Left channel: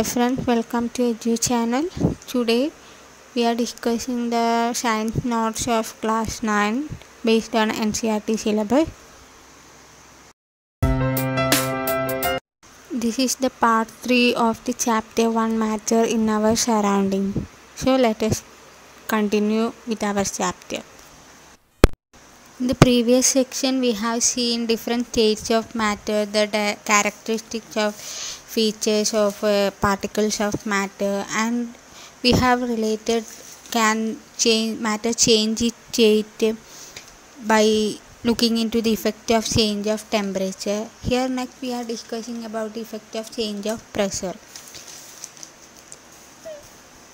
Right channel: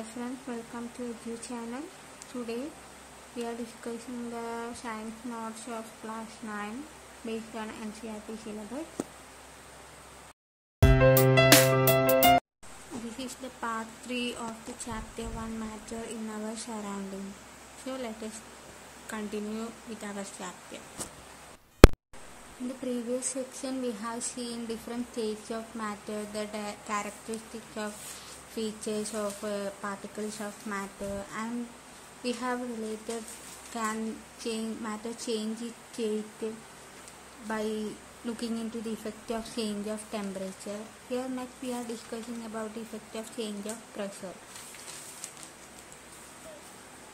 Hi friends, welcome to Edu channel. Today we are discussing the science notes of class 9 based on NCERT syllabus. This is the part 3 of the chapter 1 matter in our surrounding. So let us continue with our chapter. In the previous section we have seen different states of matter, the characteristics of features of particles of matter, and we have related can matter change its state by looking into the effect of change of temperature. Here next we are discussing about the effect of change of pressure.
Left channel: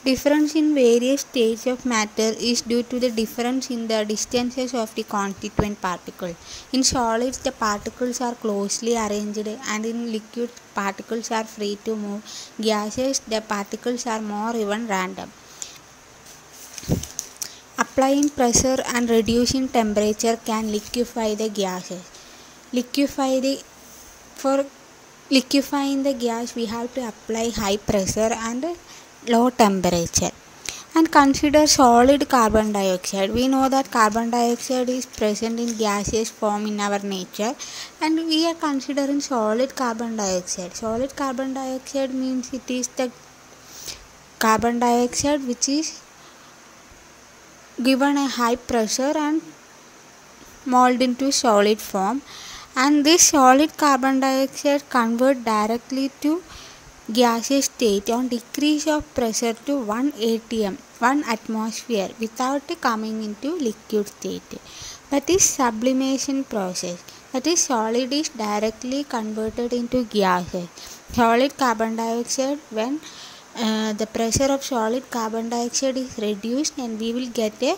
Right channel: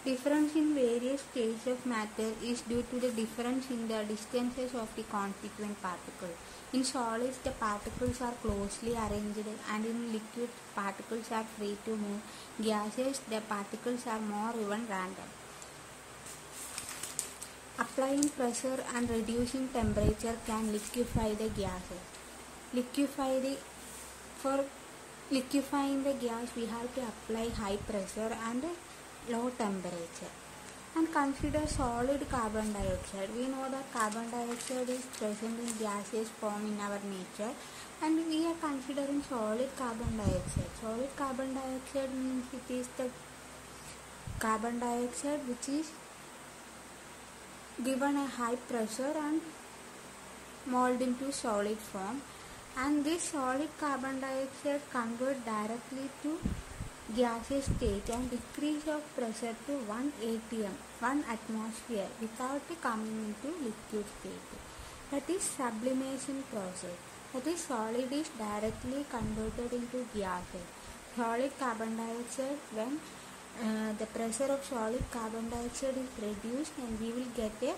Difference in various states of matter is due to the difference in the distances of the constituent particles. In solids, the particles are closely arranged, and in liquids, particles are free to move. Gases, the particles are more even random. Applying pressure and reducing temperature can liquefy the gases. For liquefying the gas, we have to apply high pressure and low temperature. And consider solid carbon dioxide. We know that carbon dioxide is present in gaseous form in our nature, and we are considering solid carbon dioxide. Solid carbon dioxide means it is the carbon dioxide which is given a high pressure and molded into solid form, and this solid carbon dioxide convert directly to gaseous state on decrease of pressure to 1 atm, 1 atmosphere, without coming into liquid state. That is sublimation process. That is, solid is directly converted into gases. Solid carbon dioxide, when the pressure of solid carbon dioxide is reduced, and we will get a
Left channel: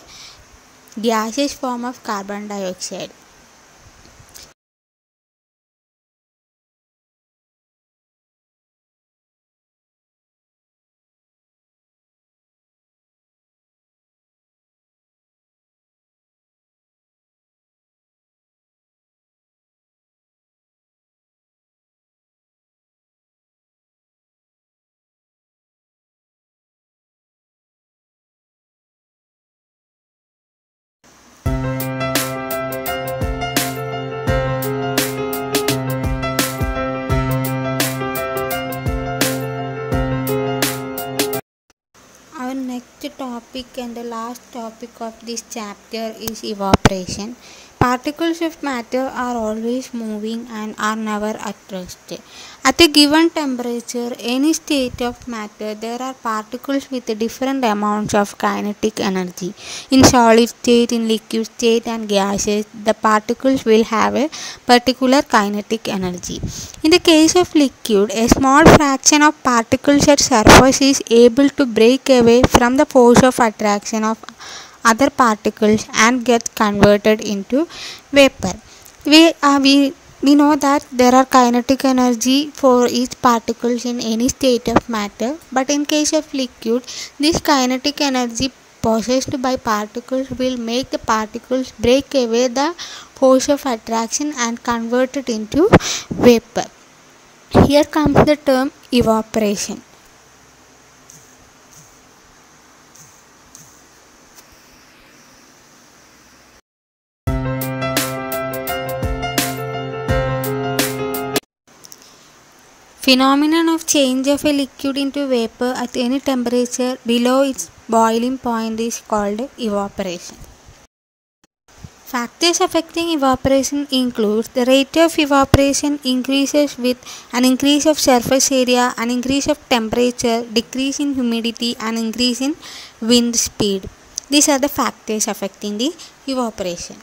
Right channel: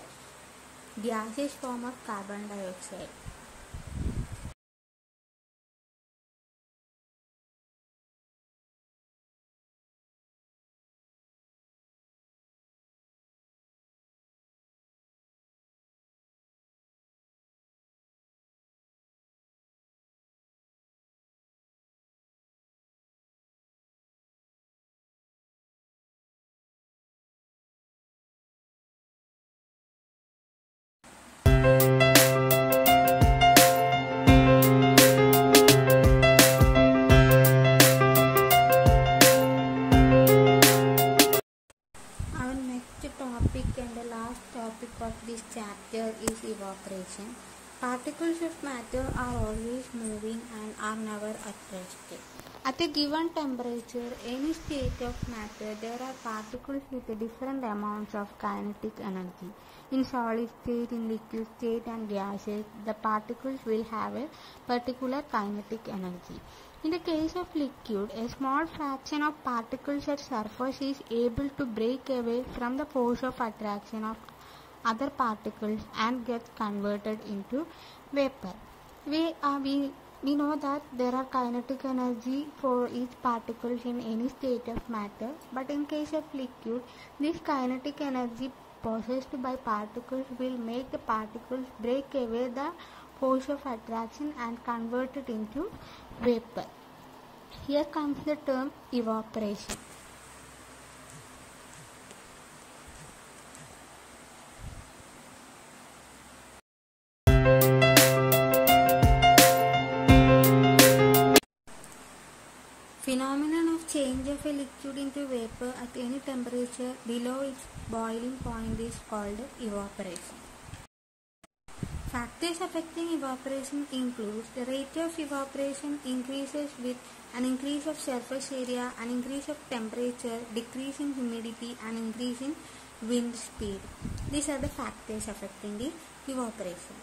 gaseous form of carbon dioxide. Our next topic and the last topic of this chapter is evaporation. Particles of matter are always moving and are never at rest. At a given temperature, any state of matter, there are particles with different amounts of kinetic energy. In solid state, in liquid state, and gases, the particles will have a particular kinetic energy. In the case of liquid, a small fraction of particles at surface is able to break away from the force of attraction of other particles and get converted into vapor. We know that there are kinetic energy for each particles in any state of matter, but in case of liquid, this kinetic energy possessed by particles will make the particles break away the force of attraction and convert it into vapor. Here comes the term evaporation. Phenomenon of change of a liquid into vapor at any temperature below its boiling point is called evaporation. Factors affecting evaporation include the rate of evaporation increases with an increase of surface area, an increase of temperature, decrease in humidity, and increase in wind speed. These are the factors affecting the evaporation.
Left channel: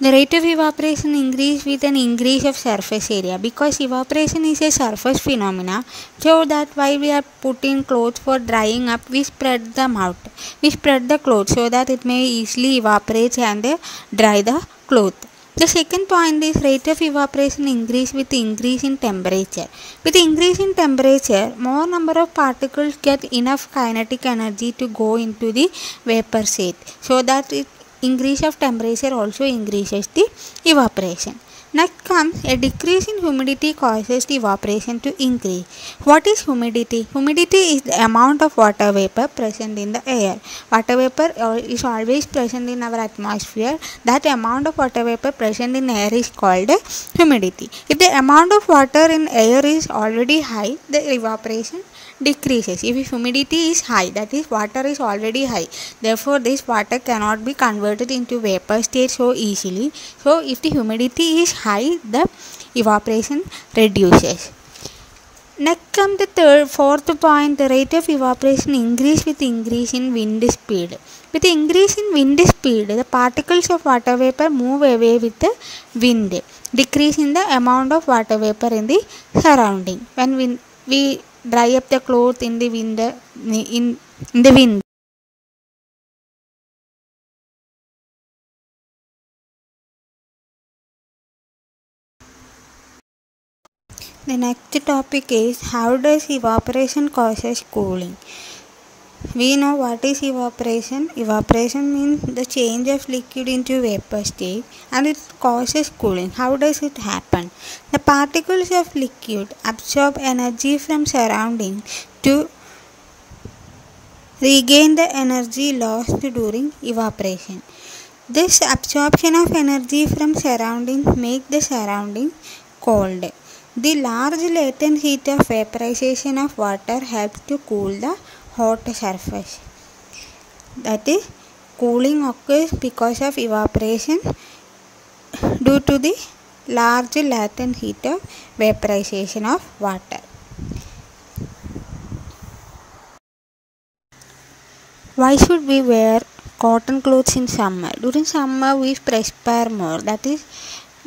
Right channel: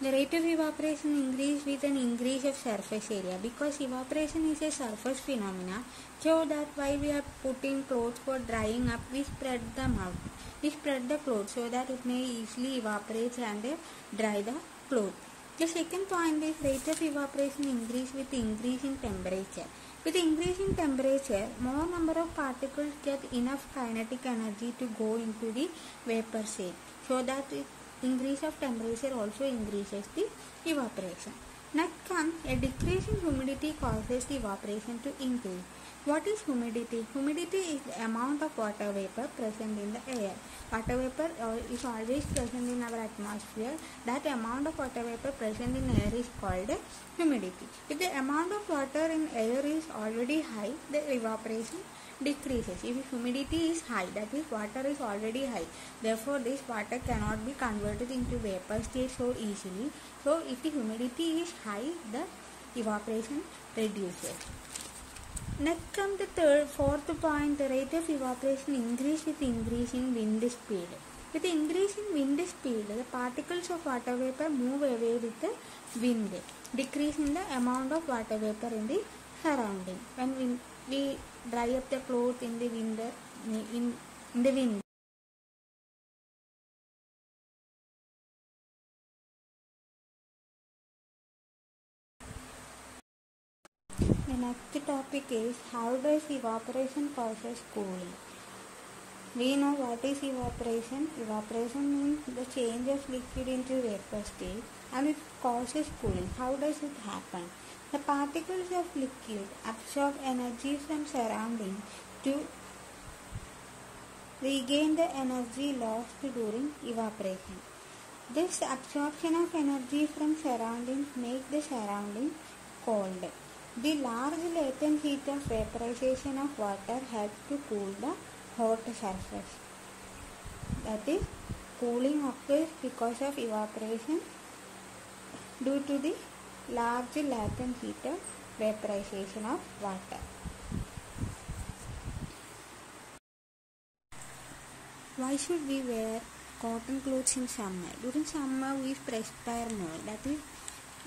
The rate of evaporation increases with an increase of surface area, because evaporation is a surface phenomena, so that while we are putting clothes for drying up, we spread them out. We spread the clothes so that it may easily evaporate and dry the cloth. The second point is rate of evaporation increase with increase in temperature. With increase in temperature, more number of particles get enough kinetic energy to go into the vapor state, so that increase of temperature also increases the evaporation. Next comes a decrease in humidity causes the evaporation to increase. What is humidity? Humidity is the amount of water vapor present in the air. Water vapor is always present in our atmosphere. That amount of water vapor present in air is called humidity. If the amount of water in air is already high, the evaporation decreases. If humidity is high, that is water is already high, therefore this water cannot be converted into vapor state so easily. So if the humidity is high, the evaporation reduces. Next comes the fourth point, the rate of evaporation increase with increase in wind speed. With the increase in wind speed, the particles of water vapor move away with the wind, decrease in the amount of water vapor in the surrounding. When we dry up the clothes in the wind. The next topic is how does evaporation causes cooling. We know what is evaporation. Evaporation means the change of liquid into vapor state, and it causes cooling. How does it happen? The particles of liquid absorb energy from surroundings to regain the energy lost during evaporation. This absorption of energy from surroundings makes the surrounding cold. The large latent heat of vaporization of water helps to cool the hot surface. That is, cooling occurs because of evaporation due to the large latent heat of vaporization of water. Why should we wear cotton clothes in summer? During summer we perspire more, that is,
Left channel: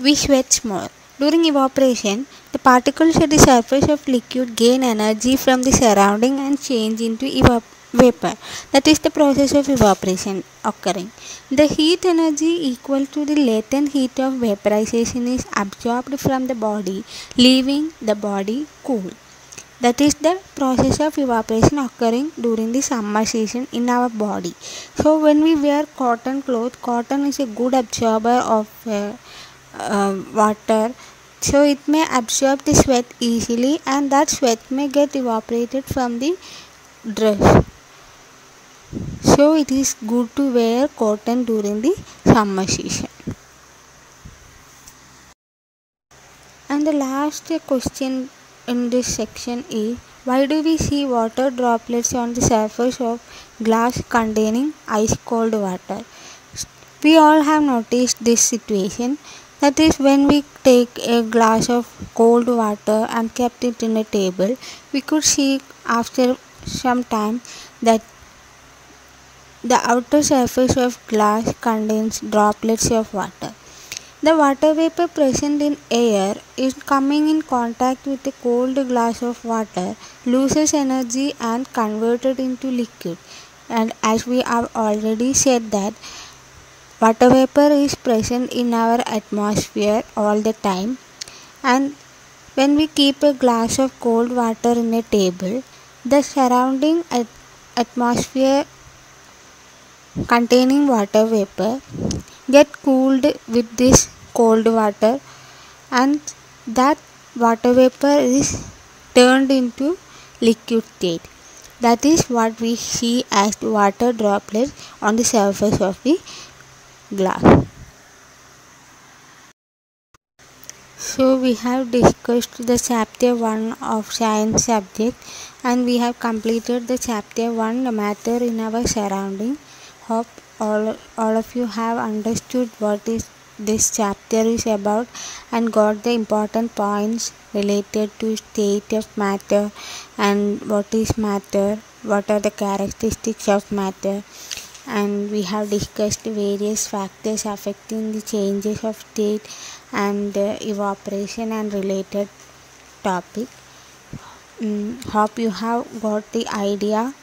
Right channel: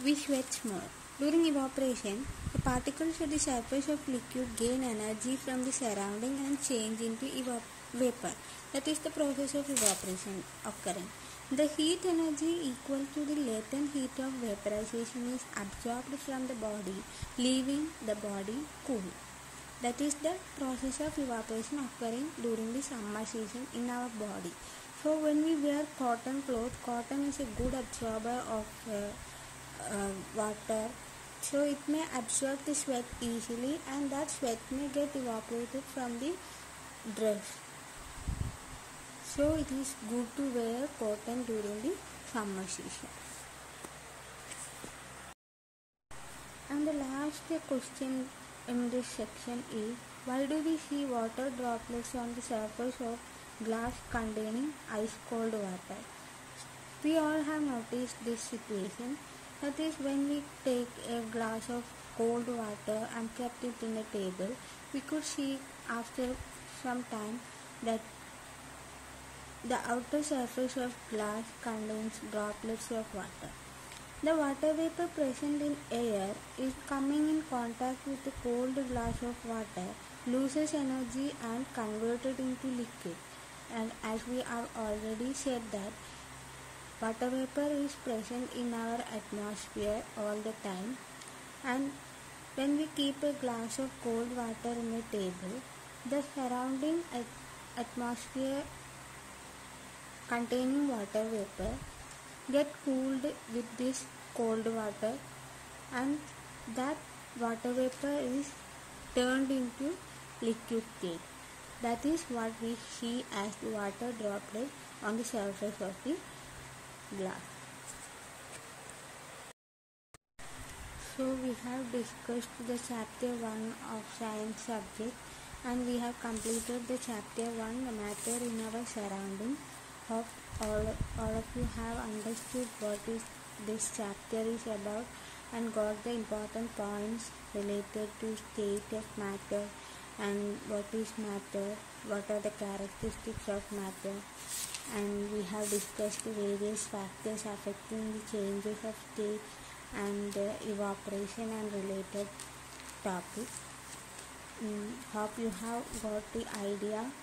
we sweat more. During evaporation, the particles at the surface of liquid gain energy from the surrounding and change into vapor. That is the process of evaporation occurring. The heat energy equal to the latent heat of vaporization is absorbed from the body, leaving the body cool. That is the process of evaporation occurring during the summer season in our body. So when we wear cotton clothes, cotton is a good absorber of water, so it may absorb the sweat easily, and that sweat may get evaporated from the dress. So it is good to wear cotton during the summer season. And the last question in this section is, why do we see water droplets on the surface of glass containing ice cold water? We all have noticed this situation. That is, when we take a glass of cold water and kept it in a table, we could see after some time that the outer surface of glass contains droplets of water. The water vapor present in air is coming in contact with a cold glass of water, loses energy and converted into liquid. And as we have already said that water vapor is present in our atmosphere all the time, and when we keep a glass of cold water in a table, the surrounding atmosphere containing water vapor get cooled with this cold water, and that water vapor is turned into liquid state. That is what we see as water droplets on the surface of the glass. So we have discussed the chapter 1 of science subject, and we have completed the chapter 1, the matter in our surrounding. Hope all of you have understood what is this chapter is about and got the important points related to state of matter and what is matter, what are the characteristics of matter, and we have discussed various factors affecting the changes of state and evaporation and related topic. Hope you have got the idea,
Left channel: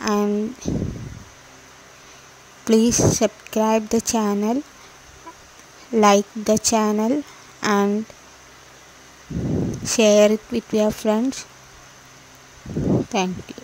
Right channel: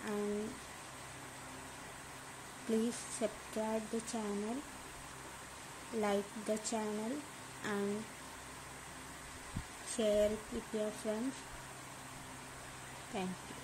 and please subscribe the channel, like the channel, and share it with your friends. Thank you.